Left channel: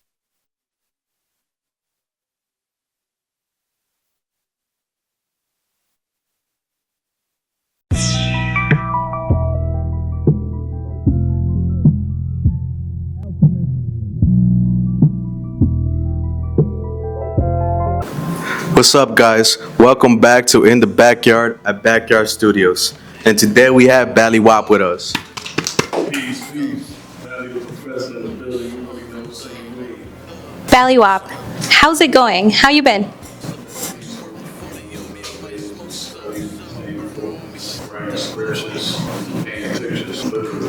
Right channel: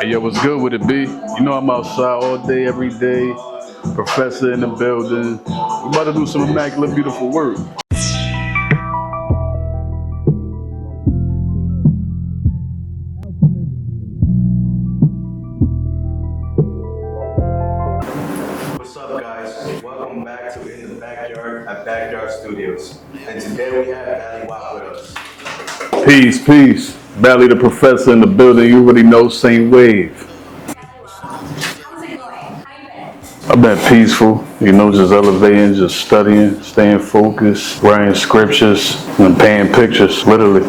Hey, yo, what's good with it, B? You know I'm outside all day, every day. Professor in the building. We about to do some immaculate, beautiful work. What's up, guys? Welcome back to In the Backyard at Backyard Studios. And today we have Baliwop with us. Peace, peace. Bally the professor in the building. You already know, same wave. Baliwop, how's it going? How you been? I've been peaceful, just elevating, just studying, staying focused, writing scriptures, and painting pictures, literally.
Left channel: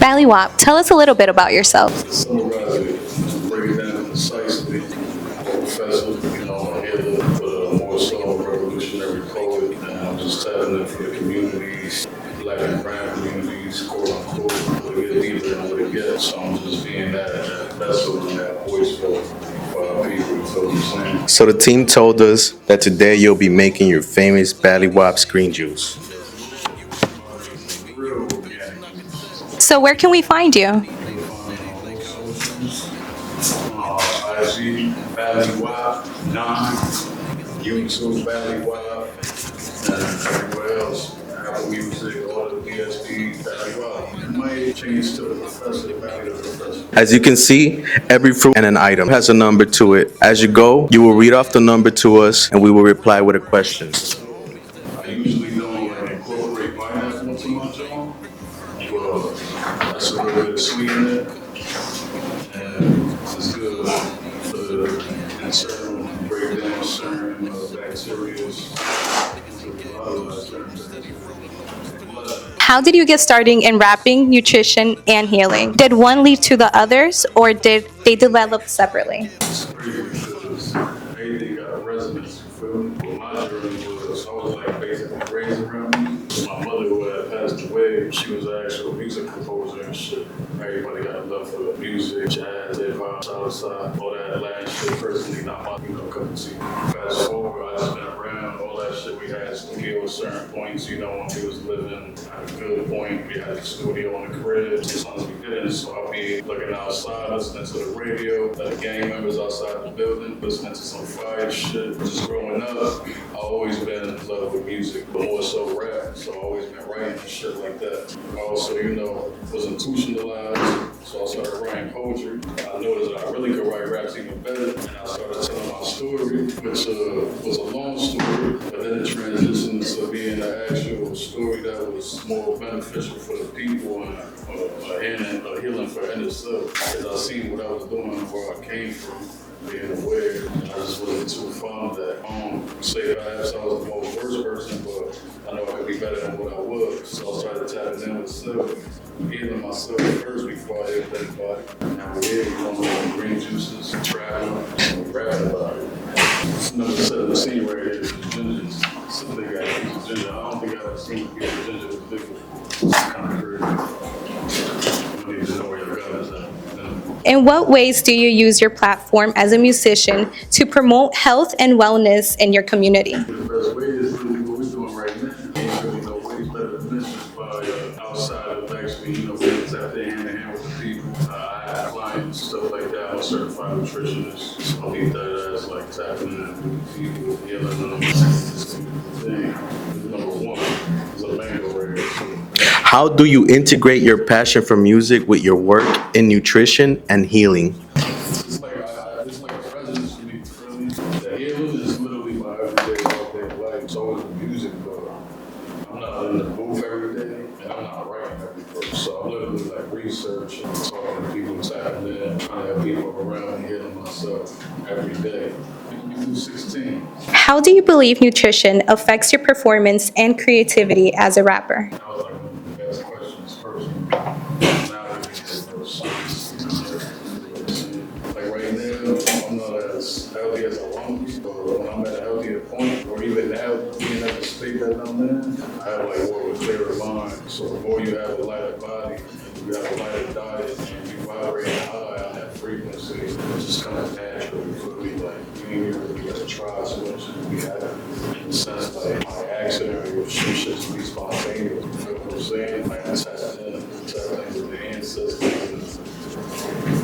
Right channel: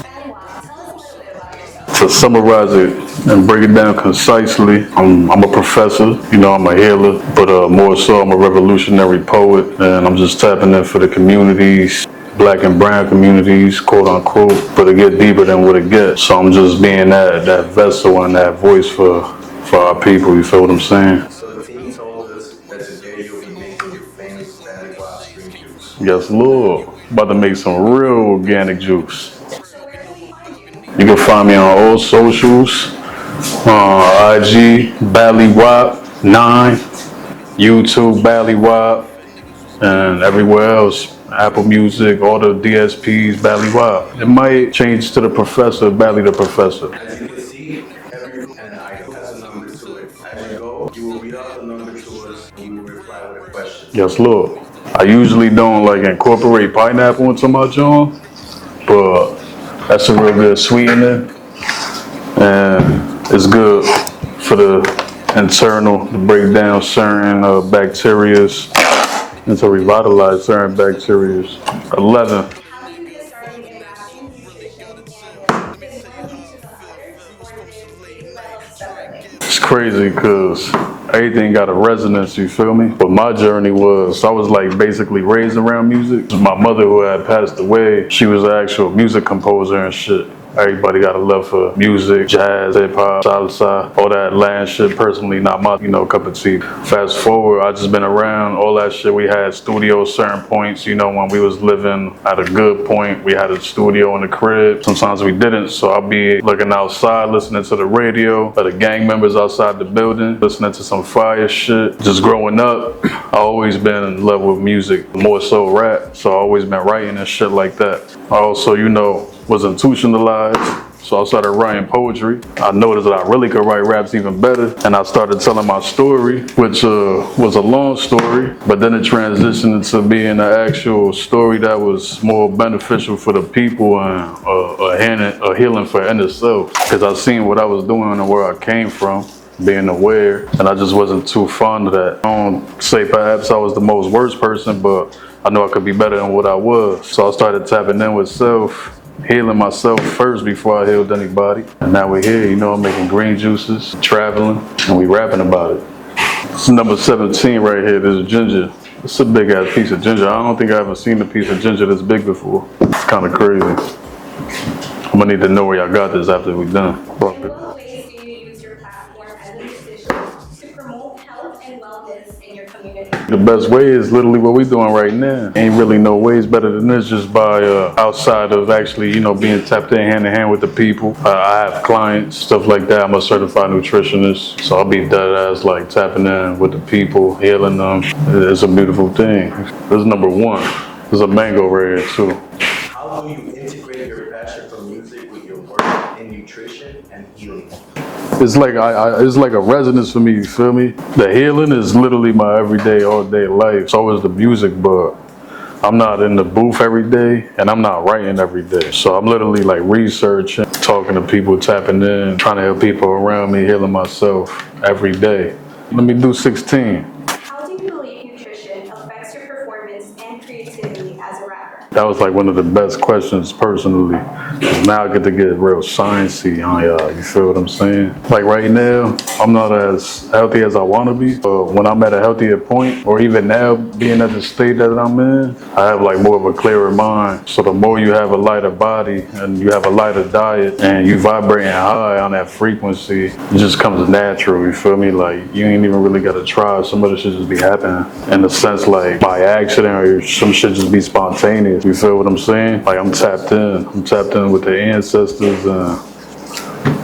Baliwop, tell us a little bit about yourself. To summarize it and break it down concisely, I'm a professor, I'm a healer, but more so I'm a revolutionary poet, and I'm just tapping in for the communities, black and brown communities, quote unquote, but it get deeper than what it gets. So I'm just being that vessel and that voice for our people, you feel what I'm saying? So the team told us that today you'll be making your famous Baliwop green juice. Yes, Lord. About to make some real organic juice. So where can we find you? You can find me on all socials, IG, Baliwop 9, YouTube, Baliwop, and everywhere else. Apple Music, all the DSPs, Baliwop. It might change to the professor, Bally the professor. As you can see, every fruit and an item has a number to it. As you go, you will read off the number to us and we will reply with a question. Yes, Lord. I usually don't incorporate pineapple into my joint, but that's a real good sweetener, and it's good for the internal, to break down certain bacteria and to revitalize certain bacteria. 11. How did you get started in rapping, nutrition, and healing? Did one lead to the others, or did they develop separately? It's crazy because everything got a resonance, you feel me? But my journey was, I was basically raised around music. My mother, who had passed away, she was an actual music composer and shit. Everybody got a love for music, jazz, hip hop, salsa, all that Latin shit. Personally, not my, cup of tea. Fast forward, I just been around all that shit. We had studios, certain points, when we was living at a good point, we had a studio in the crib. Sometimes we didn't, so I'll be looking outside, listening to the radio, or the gang members outside the building, listening to some fire shit. Just growing up, I always been in love with music, more so rap, so I always been writing and shit like that. I also, was institutionalized, so I started writing poetry. I noticed that I really could write raps even better, and I started telling my story, which was a long story, but then it transitioned into being an actual story that was more beneficial for the people and a healing for inner self, because I seen what I was doing and where I came from, being aware, and I just wasn't too fond of that. I don't say perhaps I was the most worst person, but I know I could be better than what I was. So I started tapping in with self, healing myself first before I healed anybody. And now we're here, I'm making green juices, traveling, and we rapping about it. This is number 17 right here, this is ginger. It's a big ass piece of ginger. I don't think I ever seen a piece of ginger this big before. It's kind of crazy. I'm gonna need to know where y'all got this after we're done. In what ways do you use your platform as a musician to promote health and wellness in your community? The best way is literally what we're doing right now. Ain't really no ways better than this, just by outside of actually, being tapped in hand with the people. I have clients, stuff like that. I'm a certified nutritionist, so I'll be dead ass tapping in with the people, healing them. It's a beautiful thing. This is number one. There's a mango right here too. How do you integrate your passion for music with your work in nutrition and healing? It's like it's like a resonance for me, you feel me? The healing is literally my everyday, all day life. So is the music, but I'm not in the booth every day and I'm not writing every day. So I'm literally researching, talking to people, tapping in, trying to help people around me, healing myself every day. Let me do 16. How do you believe nutrition affects your performance and creativity as a rapper? That was one of the best questions personally. Now I get to get real sciencey on y'all, you feel what I'm saying? Right now, I'm not as healthy as I want to be, but when I'm at a healthier point, or even now being at the state that I'm in, I have more of a clearer mind. So the more you have a lighter body and you have a lighter diet and you vibrating high on that frequency, it just comes natural, you feel me? You ain't even really got to try. Some of the shit just be happening in the sense by accident, or some shit just be spontaneous. You feel what I'm saying? I'm tapped in. I'm tapped in with the ancestors.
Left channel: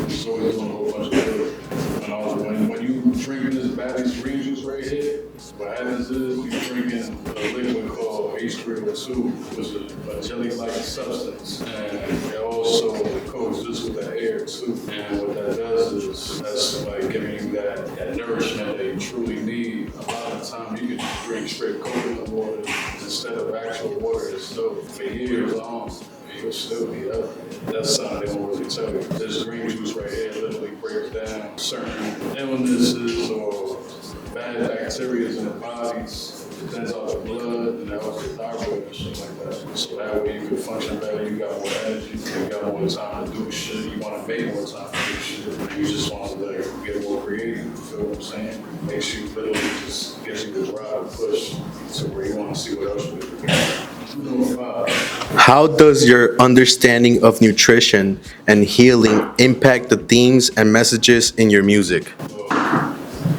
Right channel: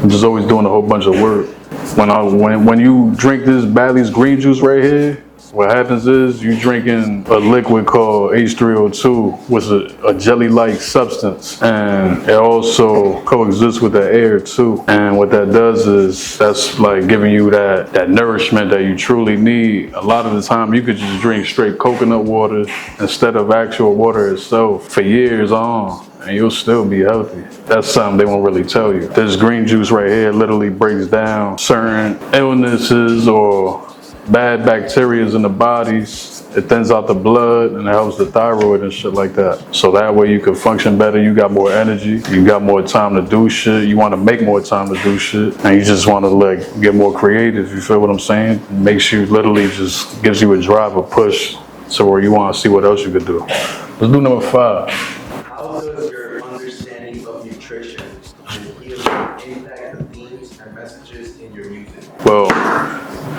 I'm just always doing a whole bunch of work. When you drink this Bally's green juice right here, what happens is you drinking a liquid called H3O2, which is a jelly-like substance, and it also coexists with the air too. And what that does is that's like giving you that nourishment that you truly need. A lot of the time you could just drink straight coconut water instead of actual water itself for years on, and you'll still be healthy. That's something they won't really tell you. This green juice right here literally breaks down certain illnesses or bad bacteria in the bodies. It thins out the blood and it helps the thyroid and shit like that. So that way you can function better, you got more energy, you got more time to do shit, you want to make more time to do shit, and you just want to like get more creative, you feel what I'm saying? It makes you literally just gives you a drive, a push to where you want to see what else you could do. Let's do number 5. How does your understanding of nutrition and healing impact the themes and messages in your music? Well,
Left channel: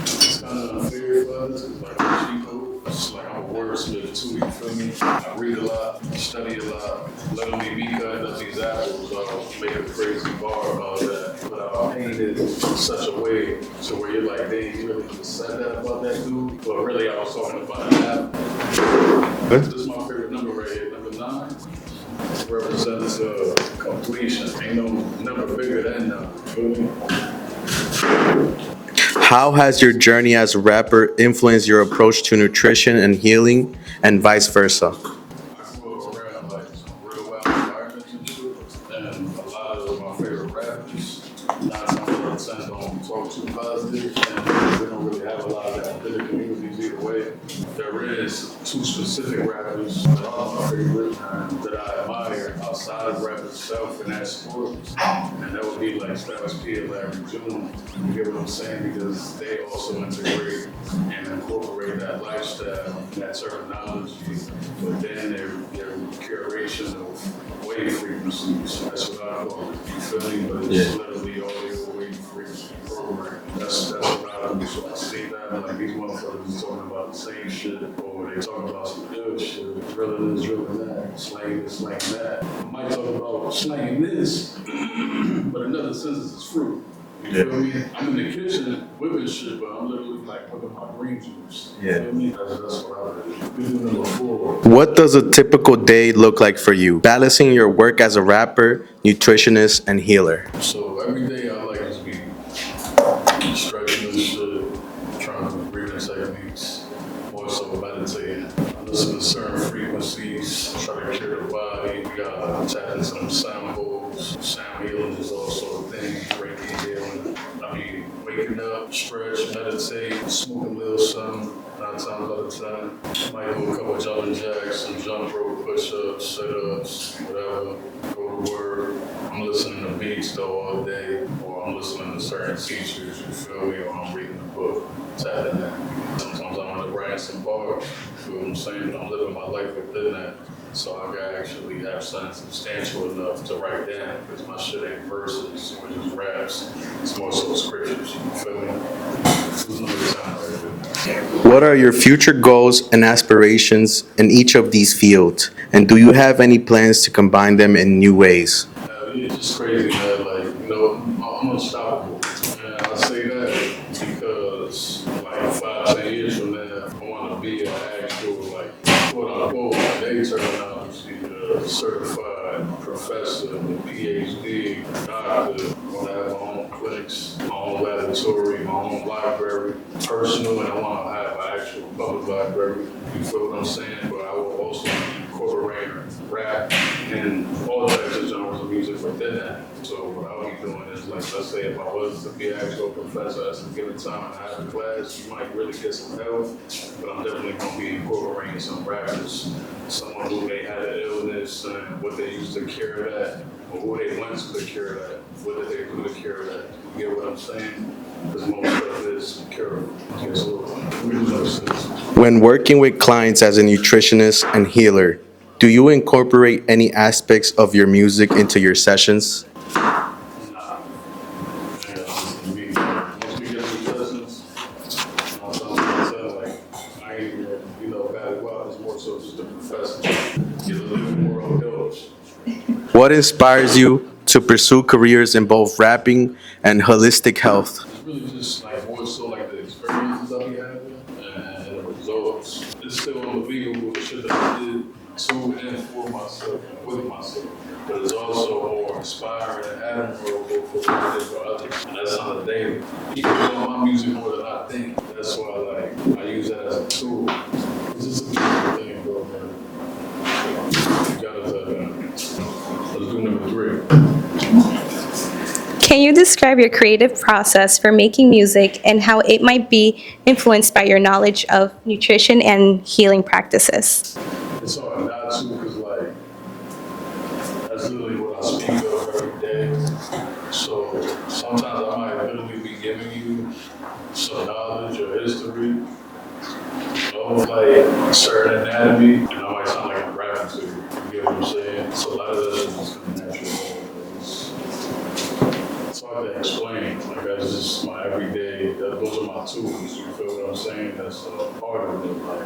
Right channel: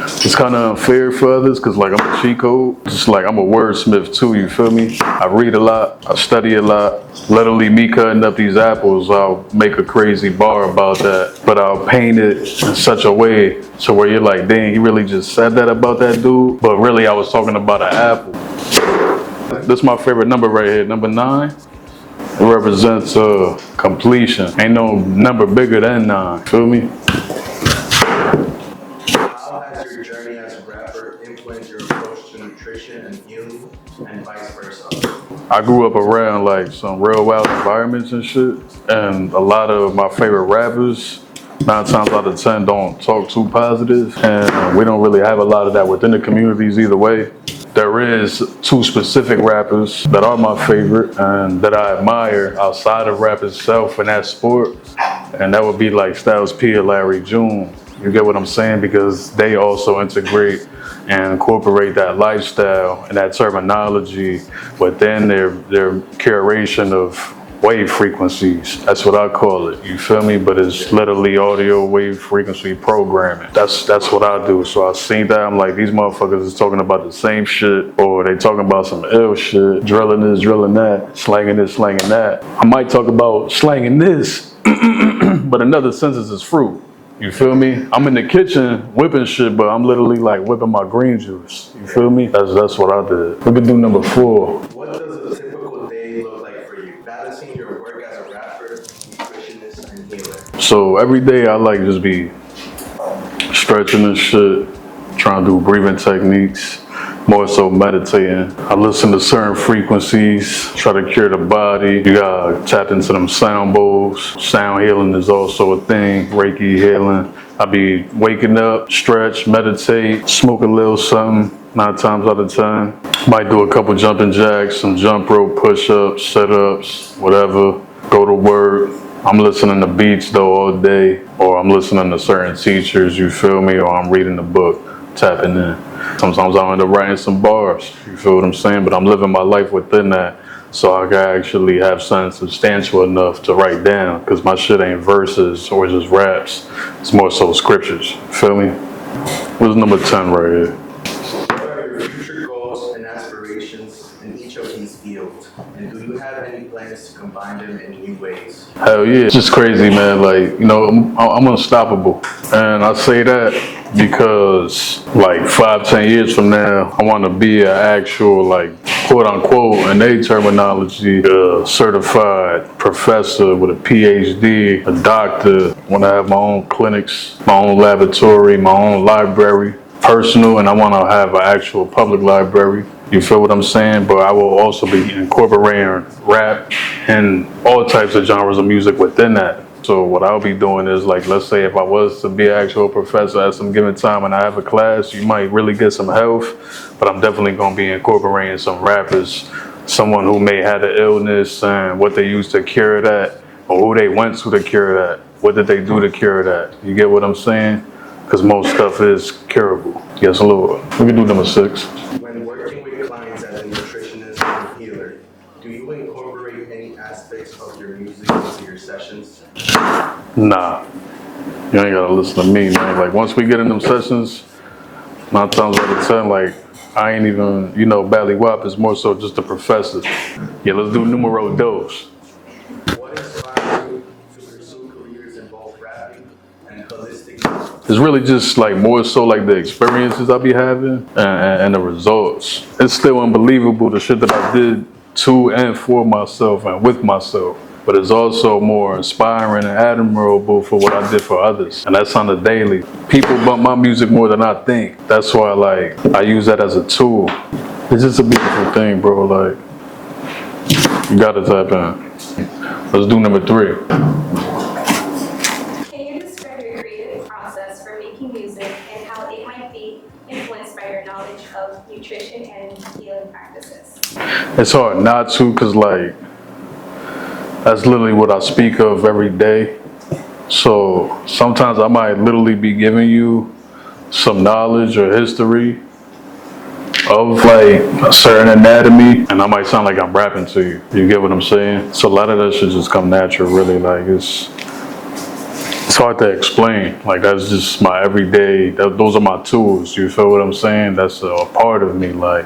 it's kind of unfair for others because like I'm a cheat code. Just like I'm a wordsmith too, you feel me? I read a lot, I study a lot. Literally me cutting up these apples, I'll make a crazy bar about that. But I'll paint it in such a way to where you're like, dang, he really just said that about that dude? But really I was talking about an apple. This is my favorite number right here, number 9. It represents completion. Ain't no number bigger than 9, feel me? How has your journey as a rapper influenced your approach to nutrition and healing, and vice versa? I grew up around like some real wild environments and shit, and a lot of my favorite rappers, 9 times out of 10, don't talk too positive, and we don't really have a lot of that within the communities either way. There is 2 specific rappers that are my favorite and that I admire outside of rap itself in that sport, and that would be like Styles P and Larry June. You get what I'm saying? Because they also integrate and incorporate that lifestyle and that terminology within their curation of wave frequencies. That's what I call it, you feel me? But it's literally audio wave frequency programming. That's what I do. So I seen that, I'm like, these motherfuckers is talking about the same shit, or they talking about some ill shit, drilling this, drilling that, slanging this, slanging that. I might talk about slanging this, but another sentence is fruit. You feel me? I'm in the kitchen whipping shit, but I'm literally like whipping my green juice. You feel me? That's what I did. We can do number 4. What does a typical day look like for you, balancing your work as a rapper, nutritionist, and healer? So every day I like just be stretching and shit, trying to do breathing techniques, more so meditating. I listen to certain frequencies, try to cure the body. You gotta tap into them sound bowls. Sound healing is also a thing, Reiki healing. I be waking up, stretch, meditate, smoke a little something, 9 times out of 10. Might do a couple jumping jacks, some jump rope push-ups, sit-ups, whatever. Go to work. I'm listening to beats though all day, or I'm listening to certain teachers, you feel me, or I'm reading a book, tapping in. Sometimes I end up writing some bars, you feel what I'm saying? But I'm living my life within that, so I can actually have something substantial enough to write down, because my shit ain't verses or just raps. It's more so scriptures, you feel me? What's number 10 right here? What are your future goals and aspirations in each of these fields? And do you have any plans to combine them in new ways? Hell yeah, it's just crazy, man. Like, you know, I'm unstoppable. And I say that because like 5-10 years from now, I want to be an actual, like, quote unquote, in their terminology, a certified professor with a PhD, a doctor. I want to have my own clinics, my own laboratory, my own library, personal, and I want to have an actual public library. You feel what I'm saying? But I will also be incorporating rap and all types of genres of music within that. So what I'll be doing is, like, let's say if I was to be an actual professor at some given time and I have a class, you might really get some health, but I'm definitely going to be incorporating some rappers, someone who may have an illness and what they used to cure that, or who they went to cure that. What did they do to cure that? You get what I'm saying? Because most stuff is curable. Yes, Lord. We can do number 6. When working with clients as a nutritionist and healer, do you incorporate any aspects of your music into your sessions? Nah. You ain't gotta listen to me, man. Like, once we get in them sessions, 9 times out of 10, like, I ain't even, you know, Baliwop is more so just a professor. Yeah, let's do numero dos. What inspires you to pursue careers in both rapping and holistic health? It's really just like more so like the experiences I be having and the results. It's still unbelievable the shit that I did to and for myself and with myself. But it's also more inspiring and admirable for what I did for others. And that's on the daily. People bump my music more than I think. That's why I use that as a tool. It's just a beautiful thing, bro. Like, you gotta tap in. Let's do number 3. Can you describe your creative process for making music and how it might be influenced by your knowledge of nutrition and healing practices? It's hard not to, because like, that's literally what I speak of every day. So sometimes I might literally be giving you some knowledge or history of like a certain anatomy, and I might sound like I'm rapping to you. You get what I'm saying? So a lot of that should just come natural, really. Like it's hard to explain. Like that's just my everyday, those are my tools. You feel what I'm saying? That's a part of me, like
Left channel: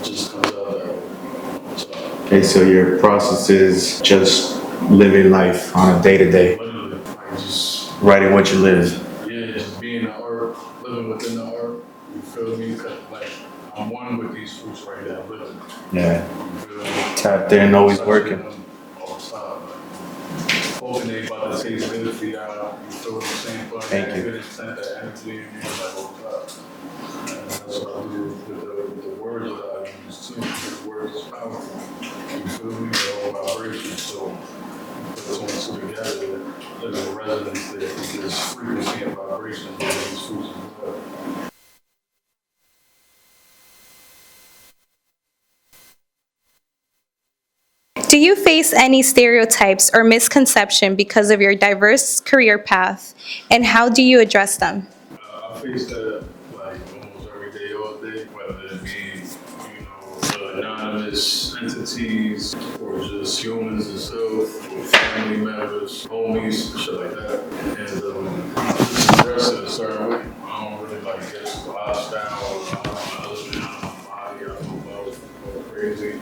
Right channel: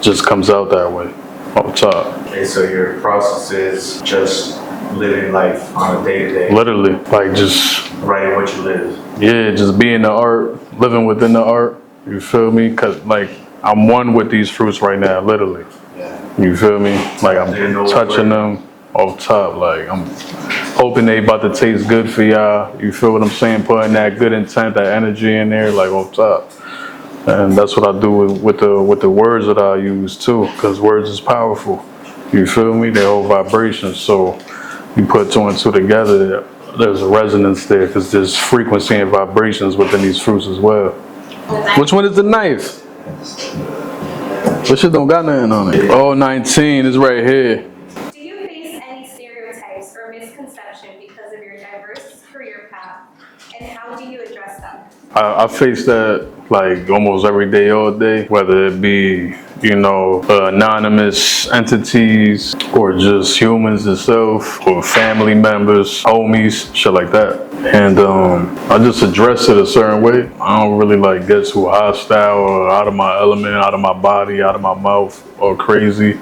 just comes out that way. Up top. Okay, so your process is just living life on a day-to-day. Literally, like just Writing what you live. yeah, just being the art, living within the art. You feel me? Cause like I'm one with these fruits right now, literally. Yeah. You feel me? Like I'm They know it's touching working. them off top. Like I'm hoping they about to taste good for y'all. You feel what I'm saying? Putting that good intent, that energy in there, like off top. And that's what I do with the words that I use too, because words is powerful. You feel me? They hold vibrations. So you put 2 and 2 together, there's a resonance there, because there's frequency and vibrations within these fruits as well. Which one is the knife? This shit don't got nothing on it. Oh, 19 is right here. Do you face any stereotypes or misconception because of your diverse career path, and how do you address them? I face that like almost every day, all day, whether it be, you know, anonymous entities or just humans itself or family members, homies, shit like that. And I just address it a certain way. I don't really like get too hostile or out of my element, out of my body, out of my mouth or crazy.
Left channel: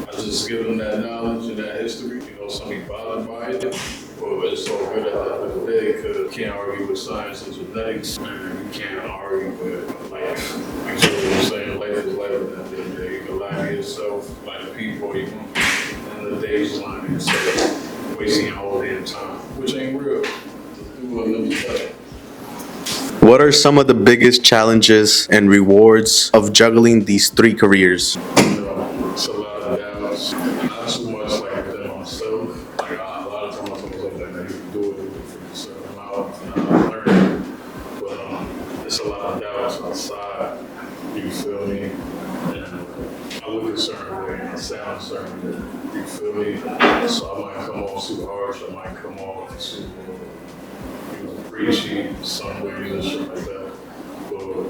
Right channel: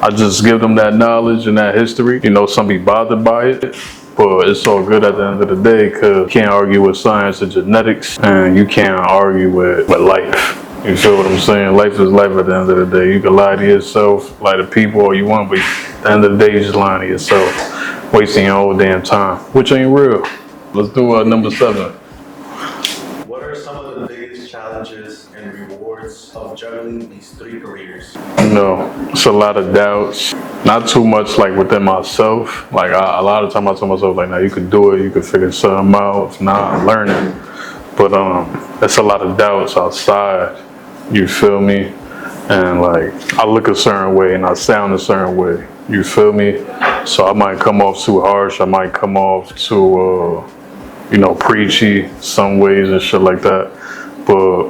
I just give them that knowledge and that history. You know, some be bothered by it. But it's all good at the end of the day, because you can't argue with science and genetics, and you can't argue with life. You feel what I'm saying? Life is life at the end of the day. You can lie to yourself, lie to people all you want, but at the end of the day, you're just lying to yourself, wasting your whole damn time, which ain't real. Let's do number 7. What are some of the biggest challenges and rewards of juggling these 3 careers? You know, it's a lot of doubts. Not too much like within myself. Like a lot of times I tell myself like, nah, you can do it, you can figure something out. Nah, I'm learning. But it's a lot of doubts outside. You feel me? And like I look a certain way and I sound a certain way. You feel me? So I might come off too harsh. I might come off too, you know, preachy some ways and shit like that. But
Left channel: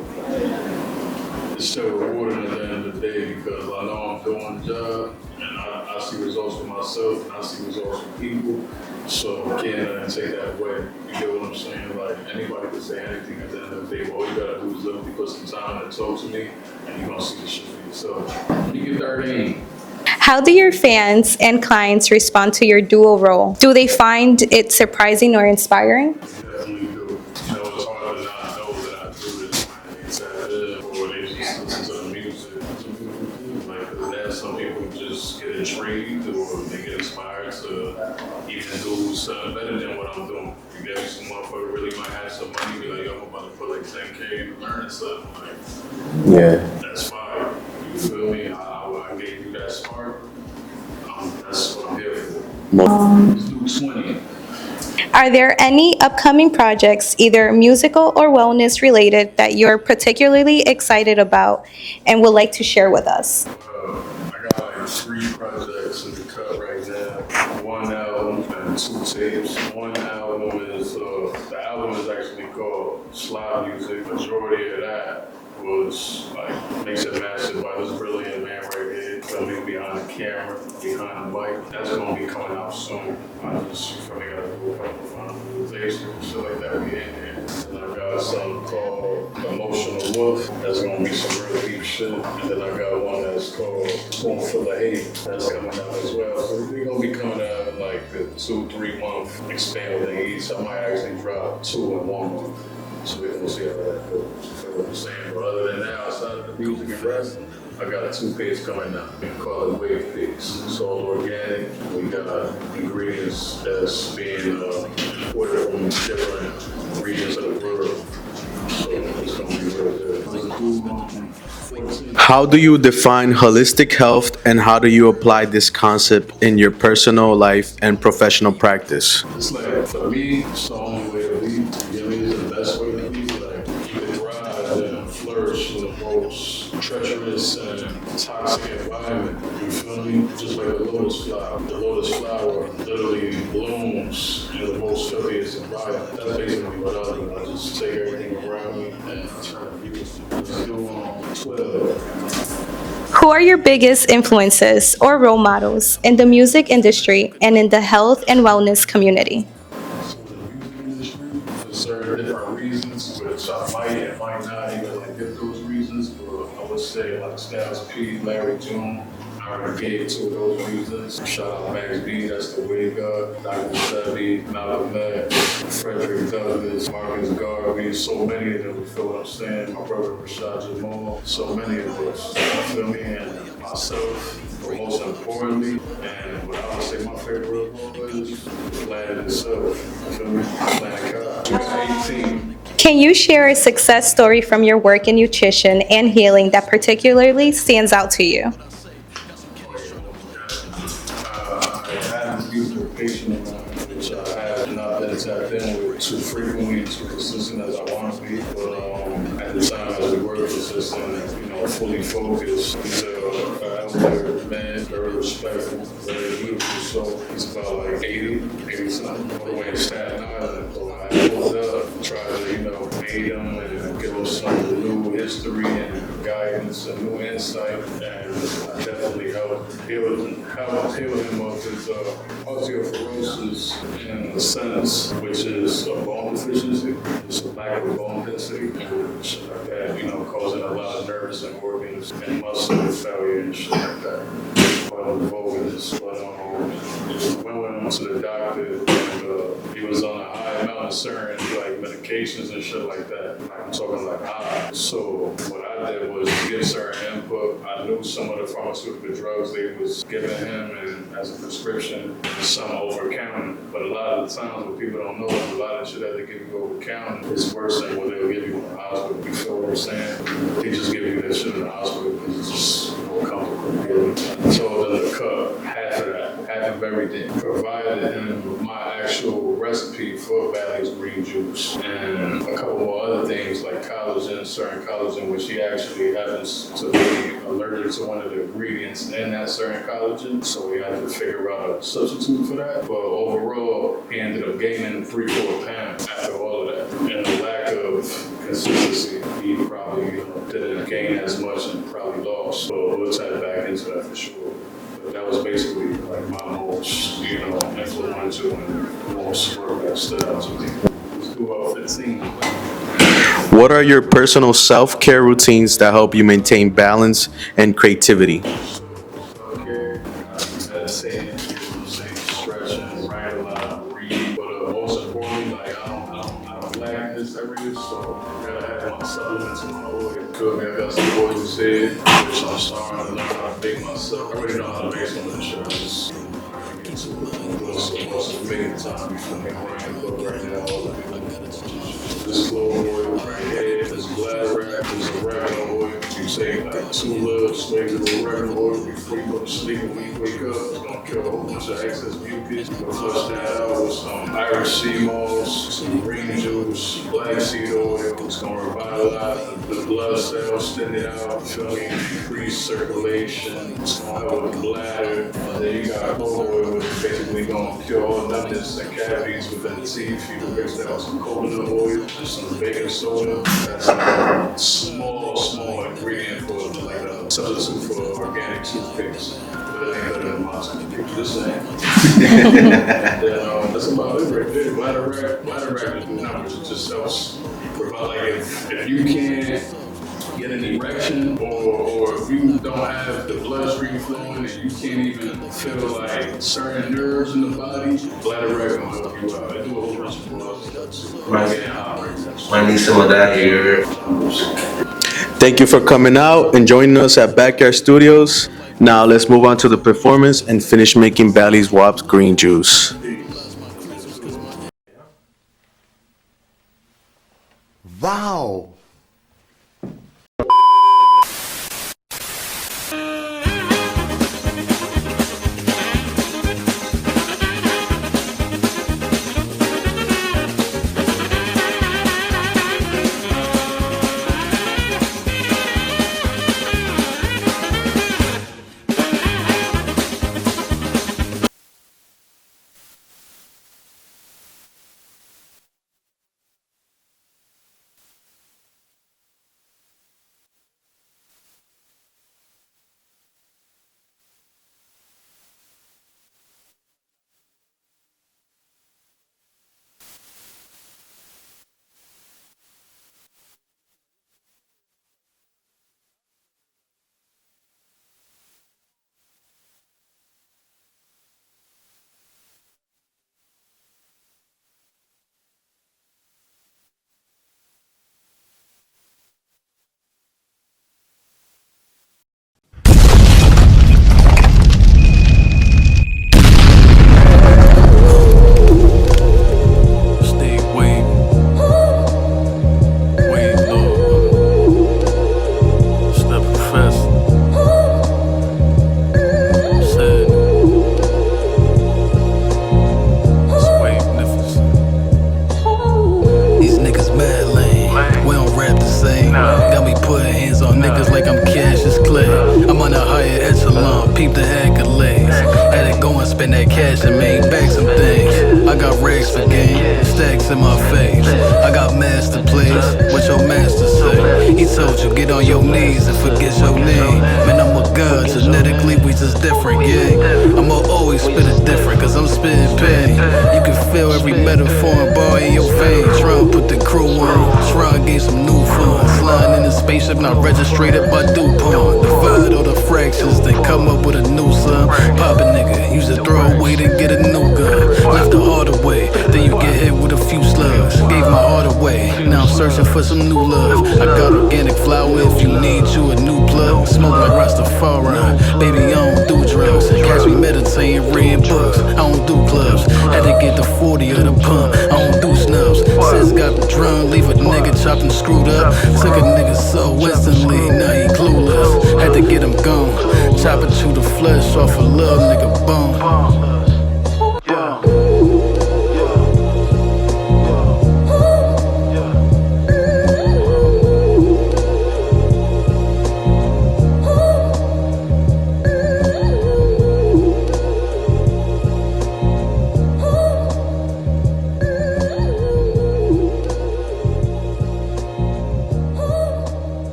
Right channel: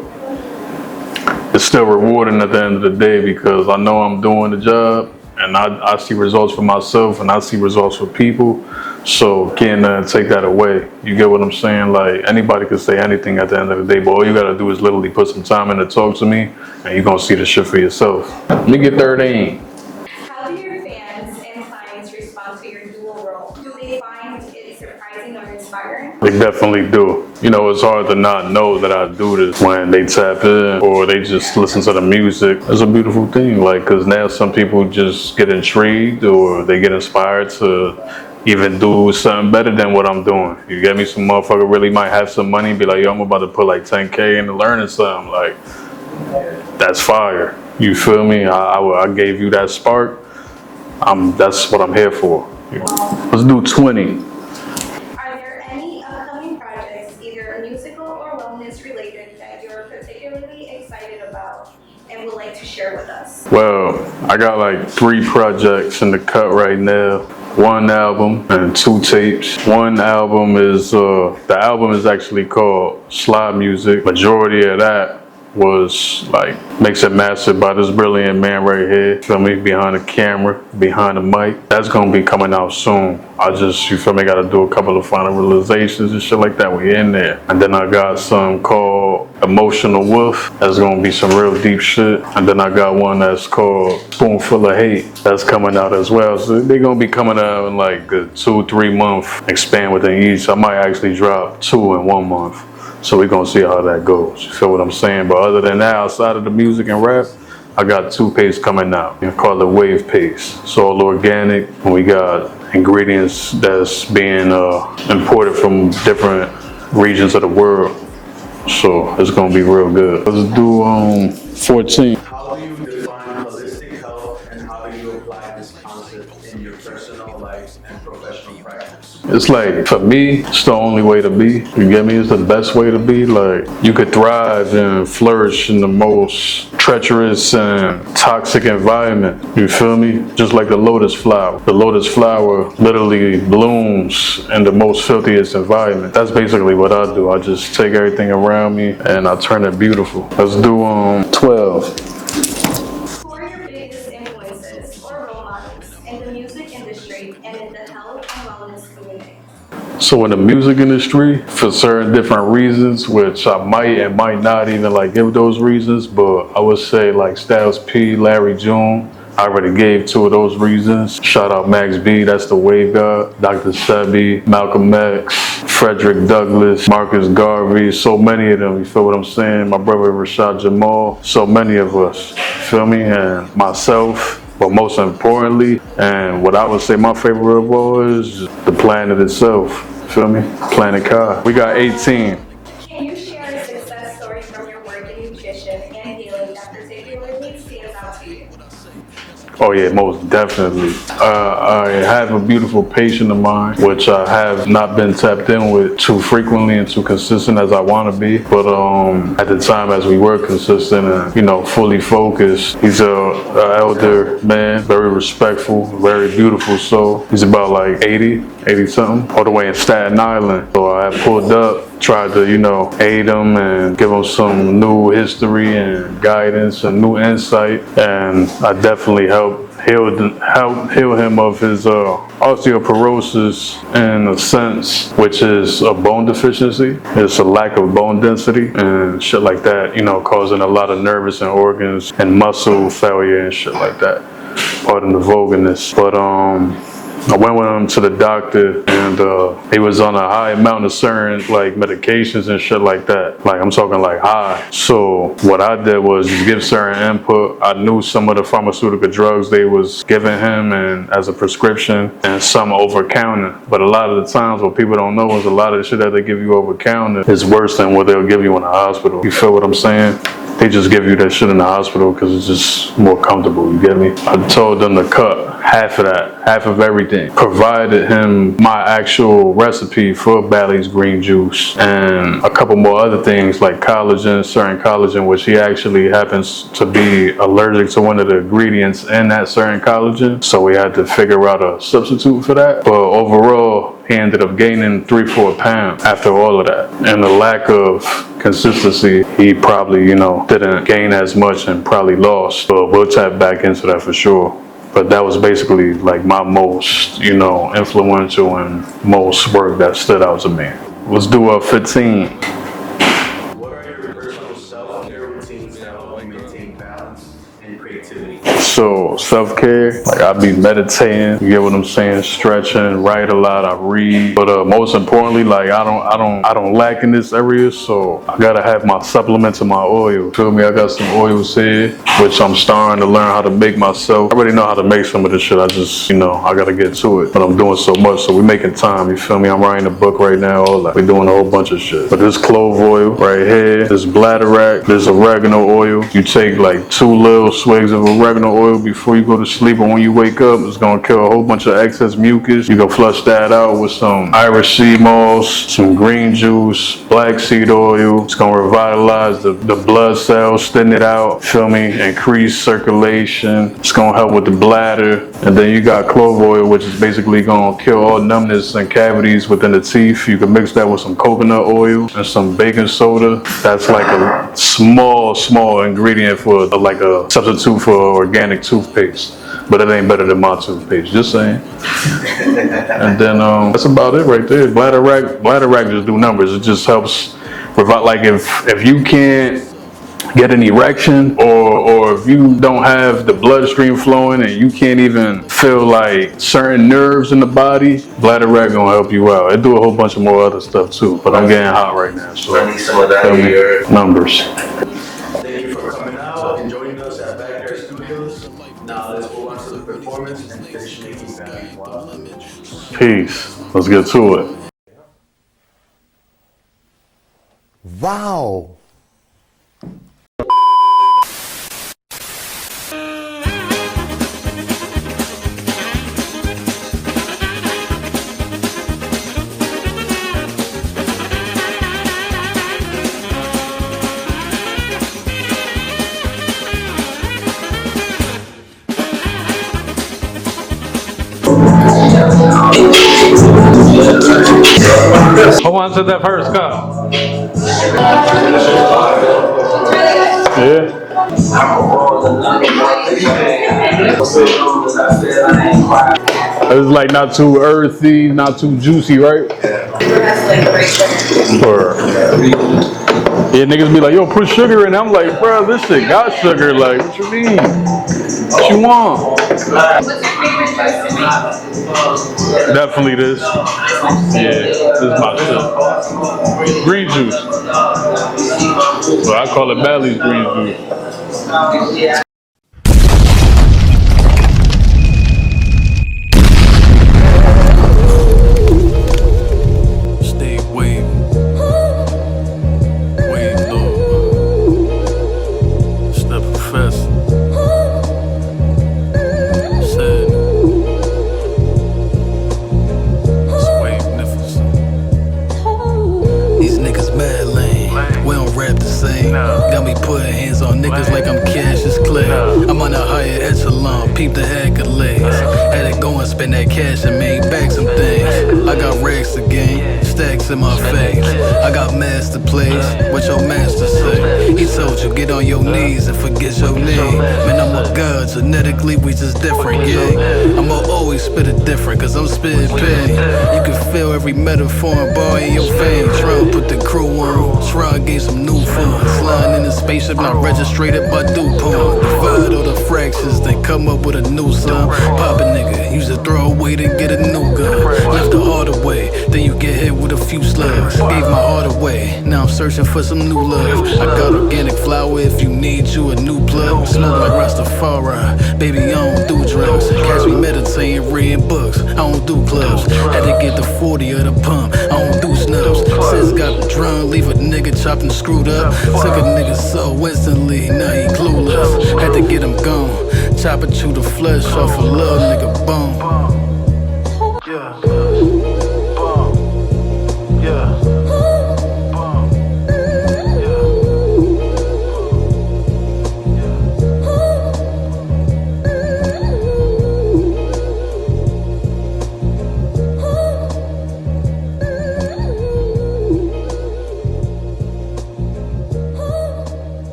it's still rewarding at the end of the day, because I know I'm doing the job. And I see results for myself and I see results for people. So can't take that away. You get what I'm saying? Like anybody could say anything at the end of the day, but all you gotta do is literally put some time in to talk to me and you're gonna see the shit for yourself. Let me get 13. How do your fans and clients respond to your dual role? Do they find it surprising or inspiring? They definitely do. You know, it's hard to not know that I do this when they tap in or they just listen to the music. It's a beautiful thing, like, because now some people just get intrigued or they get inspired to even do something better than what I'm doing. You get me? Some motherfucker really might have some money and be like, yo, I'm about to put like 10K into learning something. Like, yeah, that's fire. You feel me? I gave you that spark. That's what I'm here for. Let's do 20. Are there any upcoming projects, either musical or wellness related, that you're particularly excited about and would like to share with us? Well, I got like 3 projects in the cut right now. 1 album and 2 tapes. One album is, the album is actually called Slide Music. Majority of that was like mixed and mastered by this brilliant man right here. Feel me? Behind the camera, behind the mic. That's gonna be coming out soon. I just, you feel me, gotta do a couple of final realizations and shit like that. We in there. And then I got some called Emotional Wolf. That's gonna be some real deep shit. And then I got one that's called Spoonful of Hate. That's coming out as well. So they're gonna be coming out in like a 2-3 month expand within each. I might actually drop 2 in 1 month. So we're gonna see how that goes. You feel what I'm saying? But other than that, outside of the music and rap, I got toothpaste coming out. You call it Wave Paste. It's all organic. And we got ingredients that's being imported from different regions of the world. So it's gonna be real good. Let's do 14. How do you define holistic health, and how do you apply this concept in your personal life and professional practice? It's like, for me, it's the only way to be. You get me? It's the best way to be. Like, you could thrive and flourish in the most treacherous and toxic environment. You feel me? Just like the lotus flower. The lotus flower literally blooms in the most filthiest environment. That's basically what I do. I just take everything around me and I turn it beautiful. Let's do 12. Who are your biggest influences or role models in the music industry and in the health and wellness community? So in the music industry, for certain different reasons, which I might and might not even like give those reasons, but I would say like Styles P, Larry June. I already gave 2 of those reasons. Shout out Max B, that's the wave god. Dr. Sebi, Malcolm X, Frederick Douglass, Marcus Garvey, so many of them, you feel what I'm saying? My brother Rashad Jamal, so many of us, you feel me? And myself, but most importantly, and what I would say my favorite of all is the planet itself, feel me? Planet Kai. We got 18. Can you share a success story from your work in nutrition and healing that particularly stands out to you? Oh yeah, most definitely. I have a beautiful patient of mine, which I have not been tapped in with too frequently and too consistent as I want to be. But at the time, as we were consistent and, you know, fully focused, he's a elder man, very respectful, very beautiful soul. He's about like 80 something, all the way in Staten Island. So I pulled up, tried to, you know, aid him and give him some new history and guidance and new insight. And I definitely helped heal him of his osteoporosis in a sense, which is a bone deficiency. It's a lack of bone density and shit like that, you know, causing a lot of nervous and organs and muscle failure and shit like that. Pardon the vulgarness. But I went with him to the doctor and he was on a high amount of certain like medications and shit like that. Like I'm talking like high. So what I did was just give certain input. I knew some of the pharmaceutical drugs they was giving him and as a prescription and some over counter. But a lot of the times what people don't know is a lot of the shit that they give you over counter is worse than what they'll give you in the hospital. You feel what I'm saying? They just give you that shit in the hospital because it's just more comfortable, you get me? I told them to cut half of that, half of everything. Provided him my actual recipe for Bally's green juice and a couple more other things like collagen, certain collagen, which he actually happens to be allergic to one of the ingredients in that certain collagen. So we had to figure out a substitute for that. But overall, he ended up gaining 3-4 pounds after all of that. And the lack of consistency, he probably, you know, didn't gain as much and probably lost. But we'll tap back into that for sure. But that was basically like my most, you know, influential and most work that stood out to me. Let's do a 15. What are your personal self-care routines that help you maintain balance and creativity? So self-care, like I be meditating, you get what I'm saying, stretching, write a lot, I read. But most importantly, like I don't lack in this area, so I gotta have my supplements and my oil. Feel me? I got some oils here, which I'm starting to learn how to make myself. I already know how to make some of this shit. I just, you know, I gotta get to it. But I'm doing so much, so we making time. You feel me? I'm writing a book right now. All that. We're doing a whole bunch of shit. But this clove oil right here, this bladderwrack, this oregano oil. You take like 2 little swigs of oregano oil before you go to sleep, and when you wake up, it's gonna kill a whole bunch of excess mucus. You can flush that out with some Irish sea moss, some green juice, black seed oil. It's gonna revitalize the blood cells, thin it out, feel me, increase circulation. It's gonna help with the bladder. And then you got clove oil, which is basically gonna kill all numbness and cavities within the teeth. You can mix that with some coconut oil and some baking soda. soda. That's like a small ingredient for like a substitute for organic toothpaste. But it ain't better than my toothpaste, just saying. And then that's about it right there. Bladder rack just do numbers. It just helps provide, like if you can't get an erection or if you don't have the bloodstream flowing and you can't even feel like certain nerves in the body, bladder rack gonna help you out. It do a whole bunch of more other stuff too, but I'm getting hot right now, so I need some of that here. numbers. Thank you for coming out and joining us at Backyard Studios. Now let's move on to the performance and finish making Baliwop's green juice. Peace. Let's get to it. Wow. Who wants to that first cup? Yeah. It's like not too earthy, not too juicy, right? Or, yeah, niggas be like, yo, put sugar in it. I'm like, bro, this shit got sugar. Like, what you mean? What you want? What's your favorite juice to make? Definitely this. Yeah, this is my shit. Green juice. So I call it Bally's green juice. Stay waving. Wave low. It's the professor. Said. It's wave-nificent. These niggas mad lame. We don't rap the same. Got me putting hands on niggas like I'm Cassius Clay. I'm on a higher echelon, peep the accolades. Had to go and spend that cash and made back some things. I got racks to gain, stacks in my face. I got master plays, what your master say? He told you get on your knees and forget your name. Man, I'm a god, genetically we just different, yeah. I'ma always spit it different, cause I'm spitting pain. You can feel every metaphor and bar in your vein. Try and put the crew on, try and gain some new fun. Sliding in a spaceship not registered by DuPont. Divide all the fractions, then come up with a new sum. Pop a nigga, use a throwaway, then get a new gun. Left the heart away, then you get hit with a few slugs. Gave my heart away, now I'm searching for some new love. I got organic flour if you need you a new plug. Smoke like Rastafari, baby I don't do drugs. Catch me meditating, reading books, I don't do clubs. Had to get the 40 of the pump, I don't do snubs. Sis got the drum, leave a nigga chopped and screwed up. Took a nigga so instantly, now he clueless. Had to get him gone, chop it to the flesh off a little nigga bone.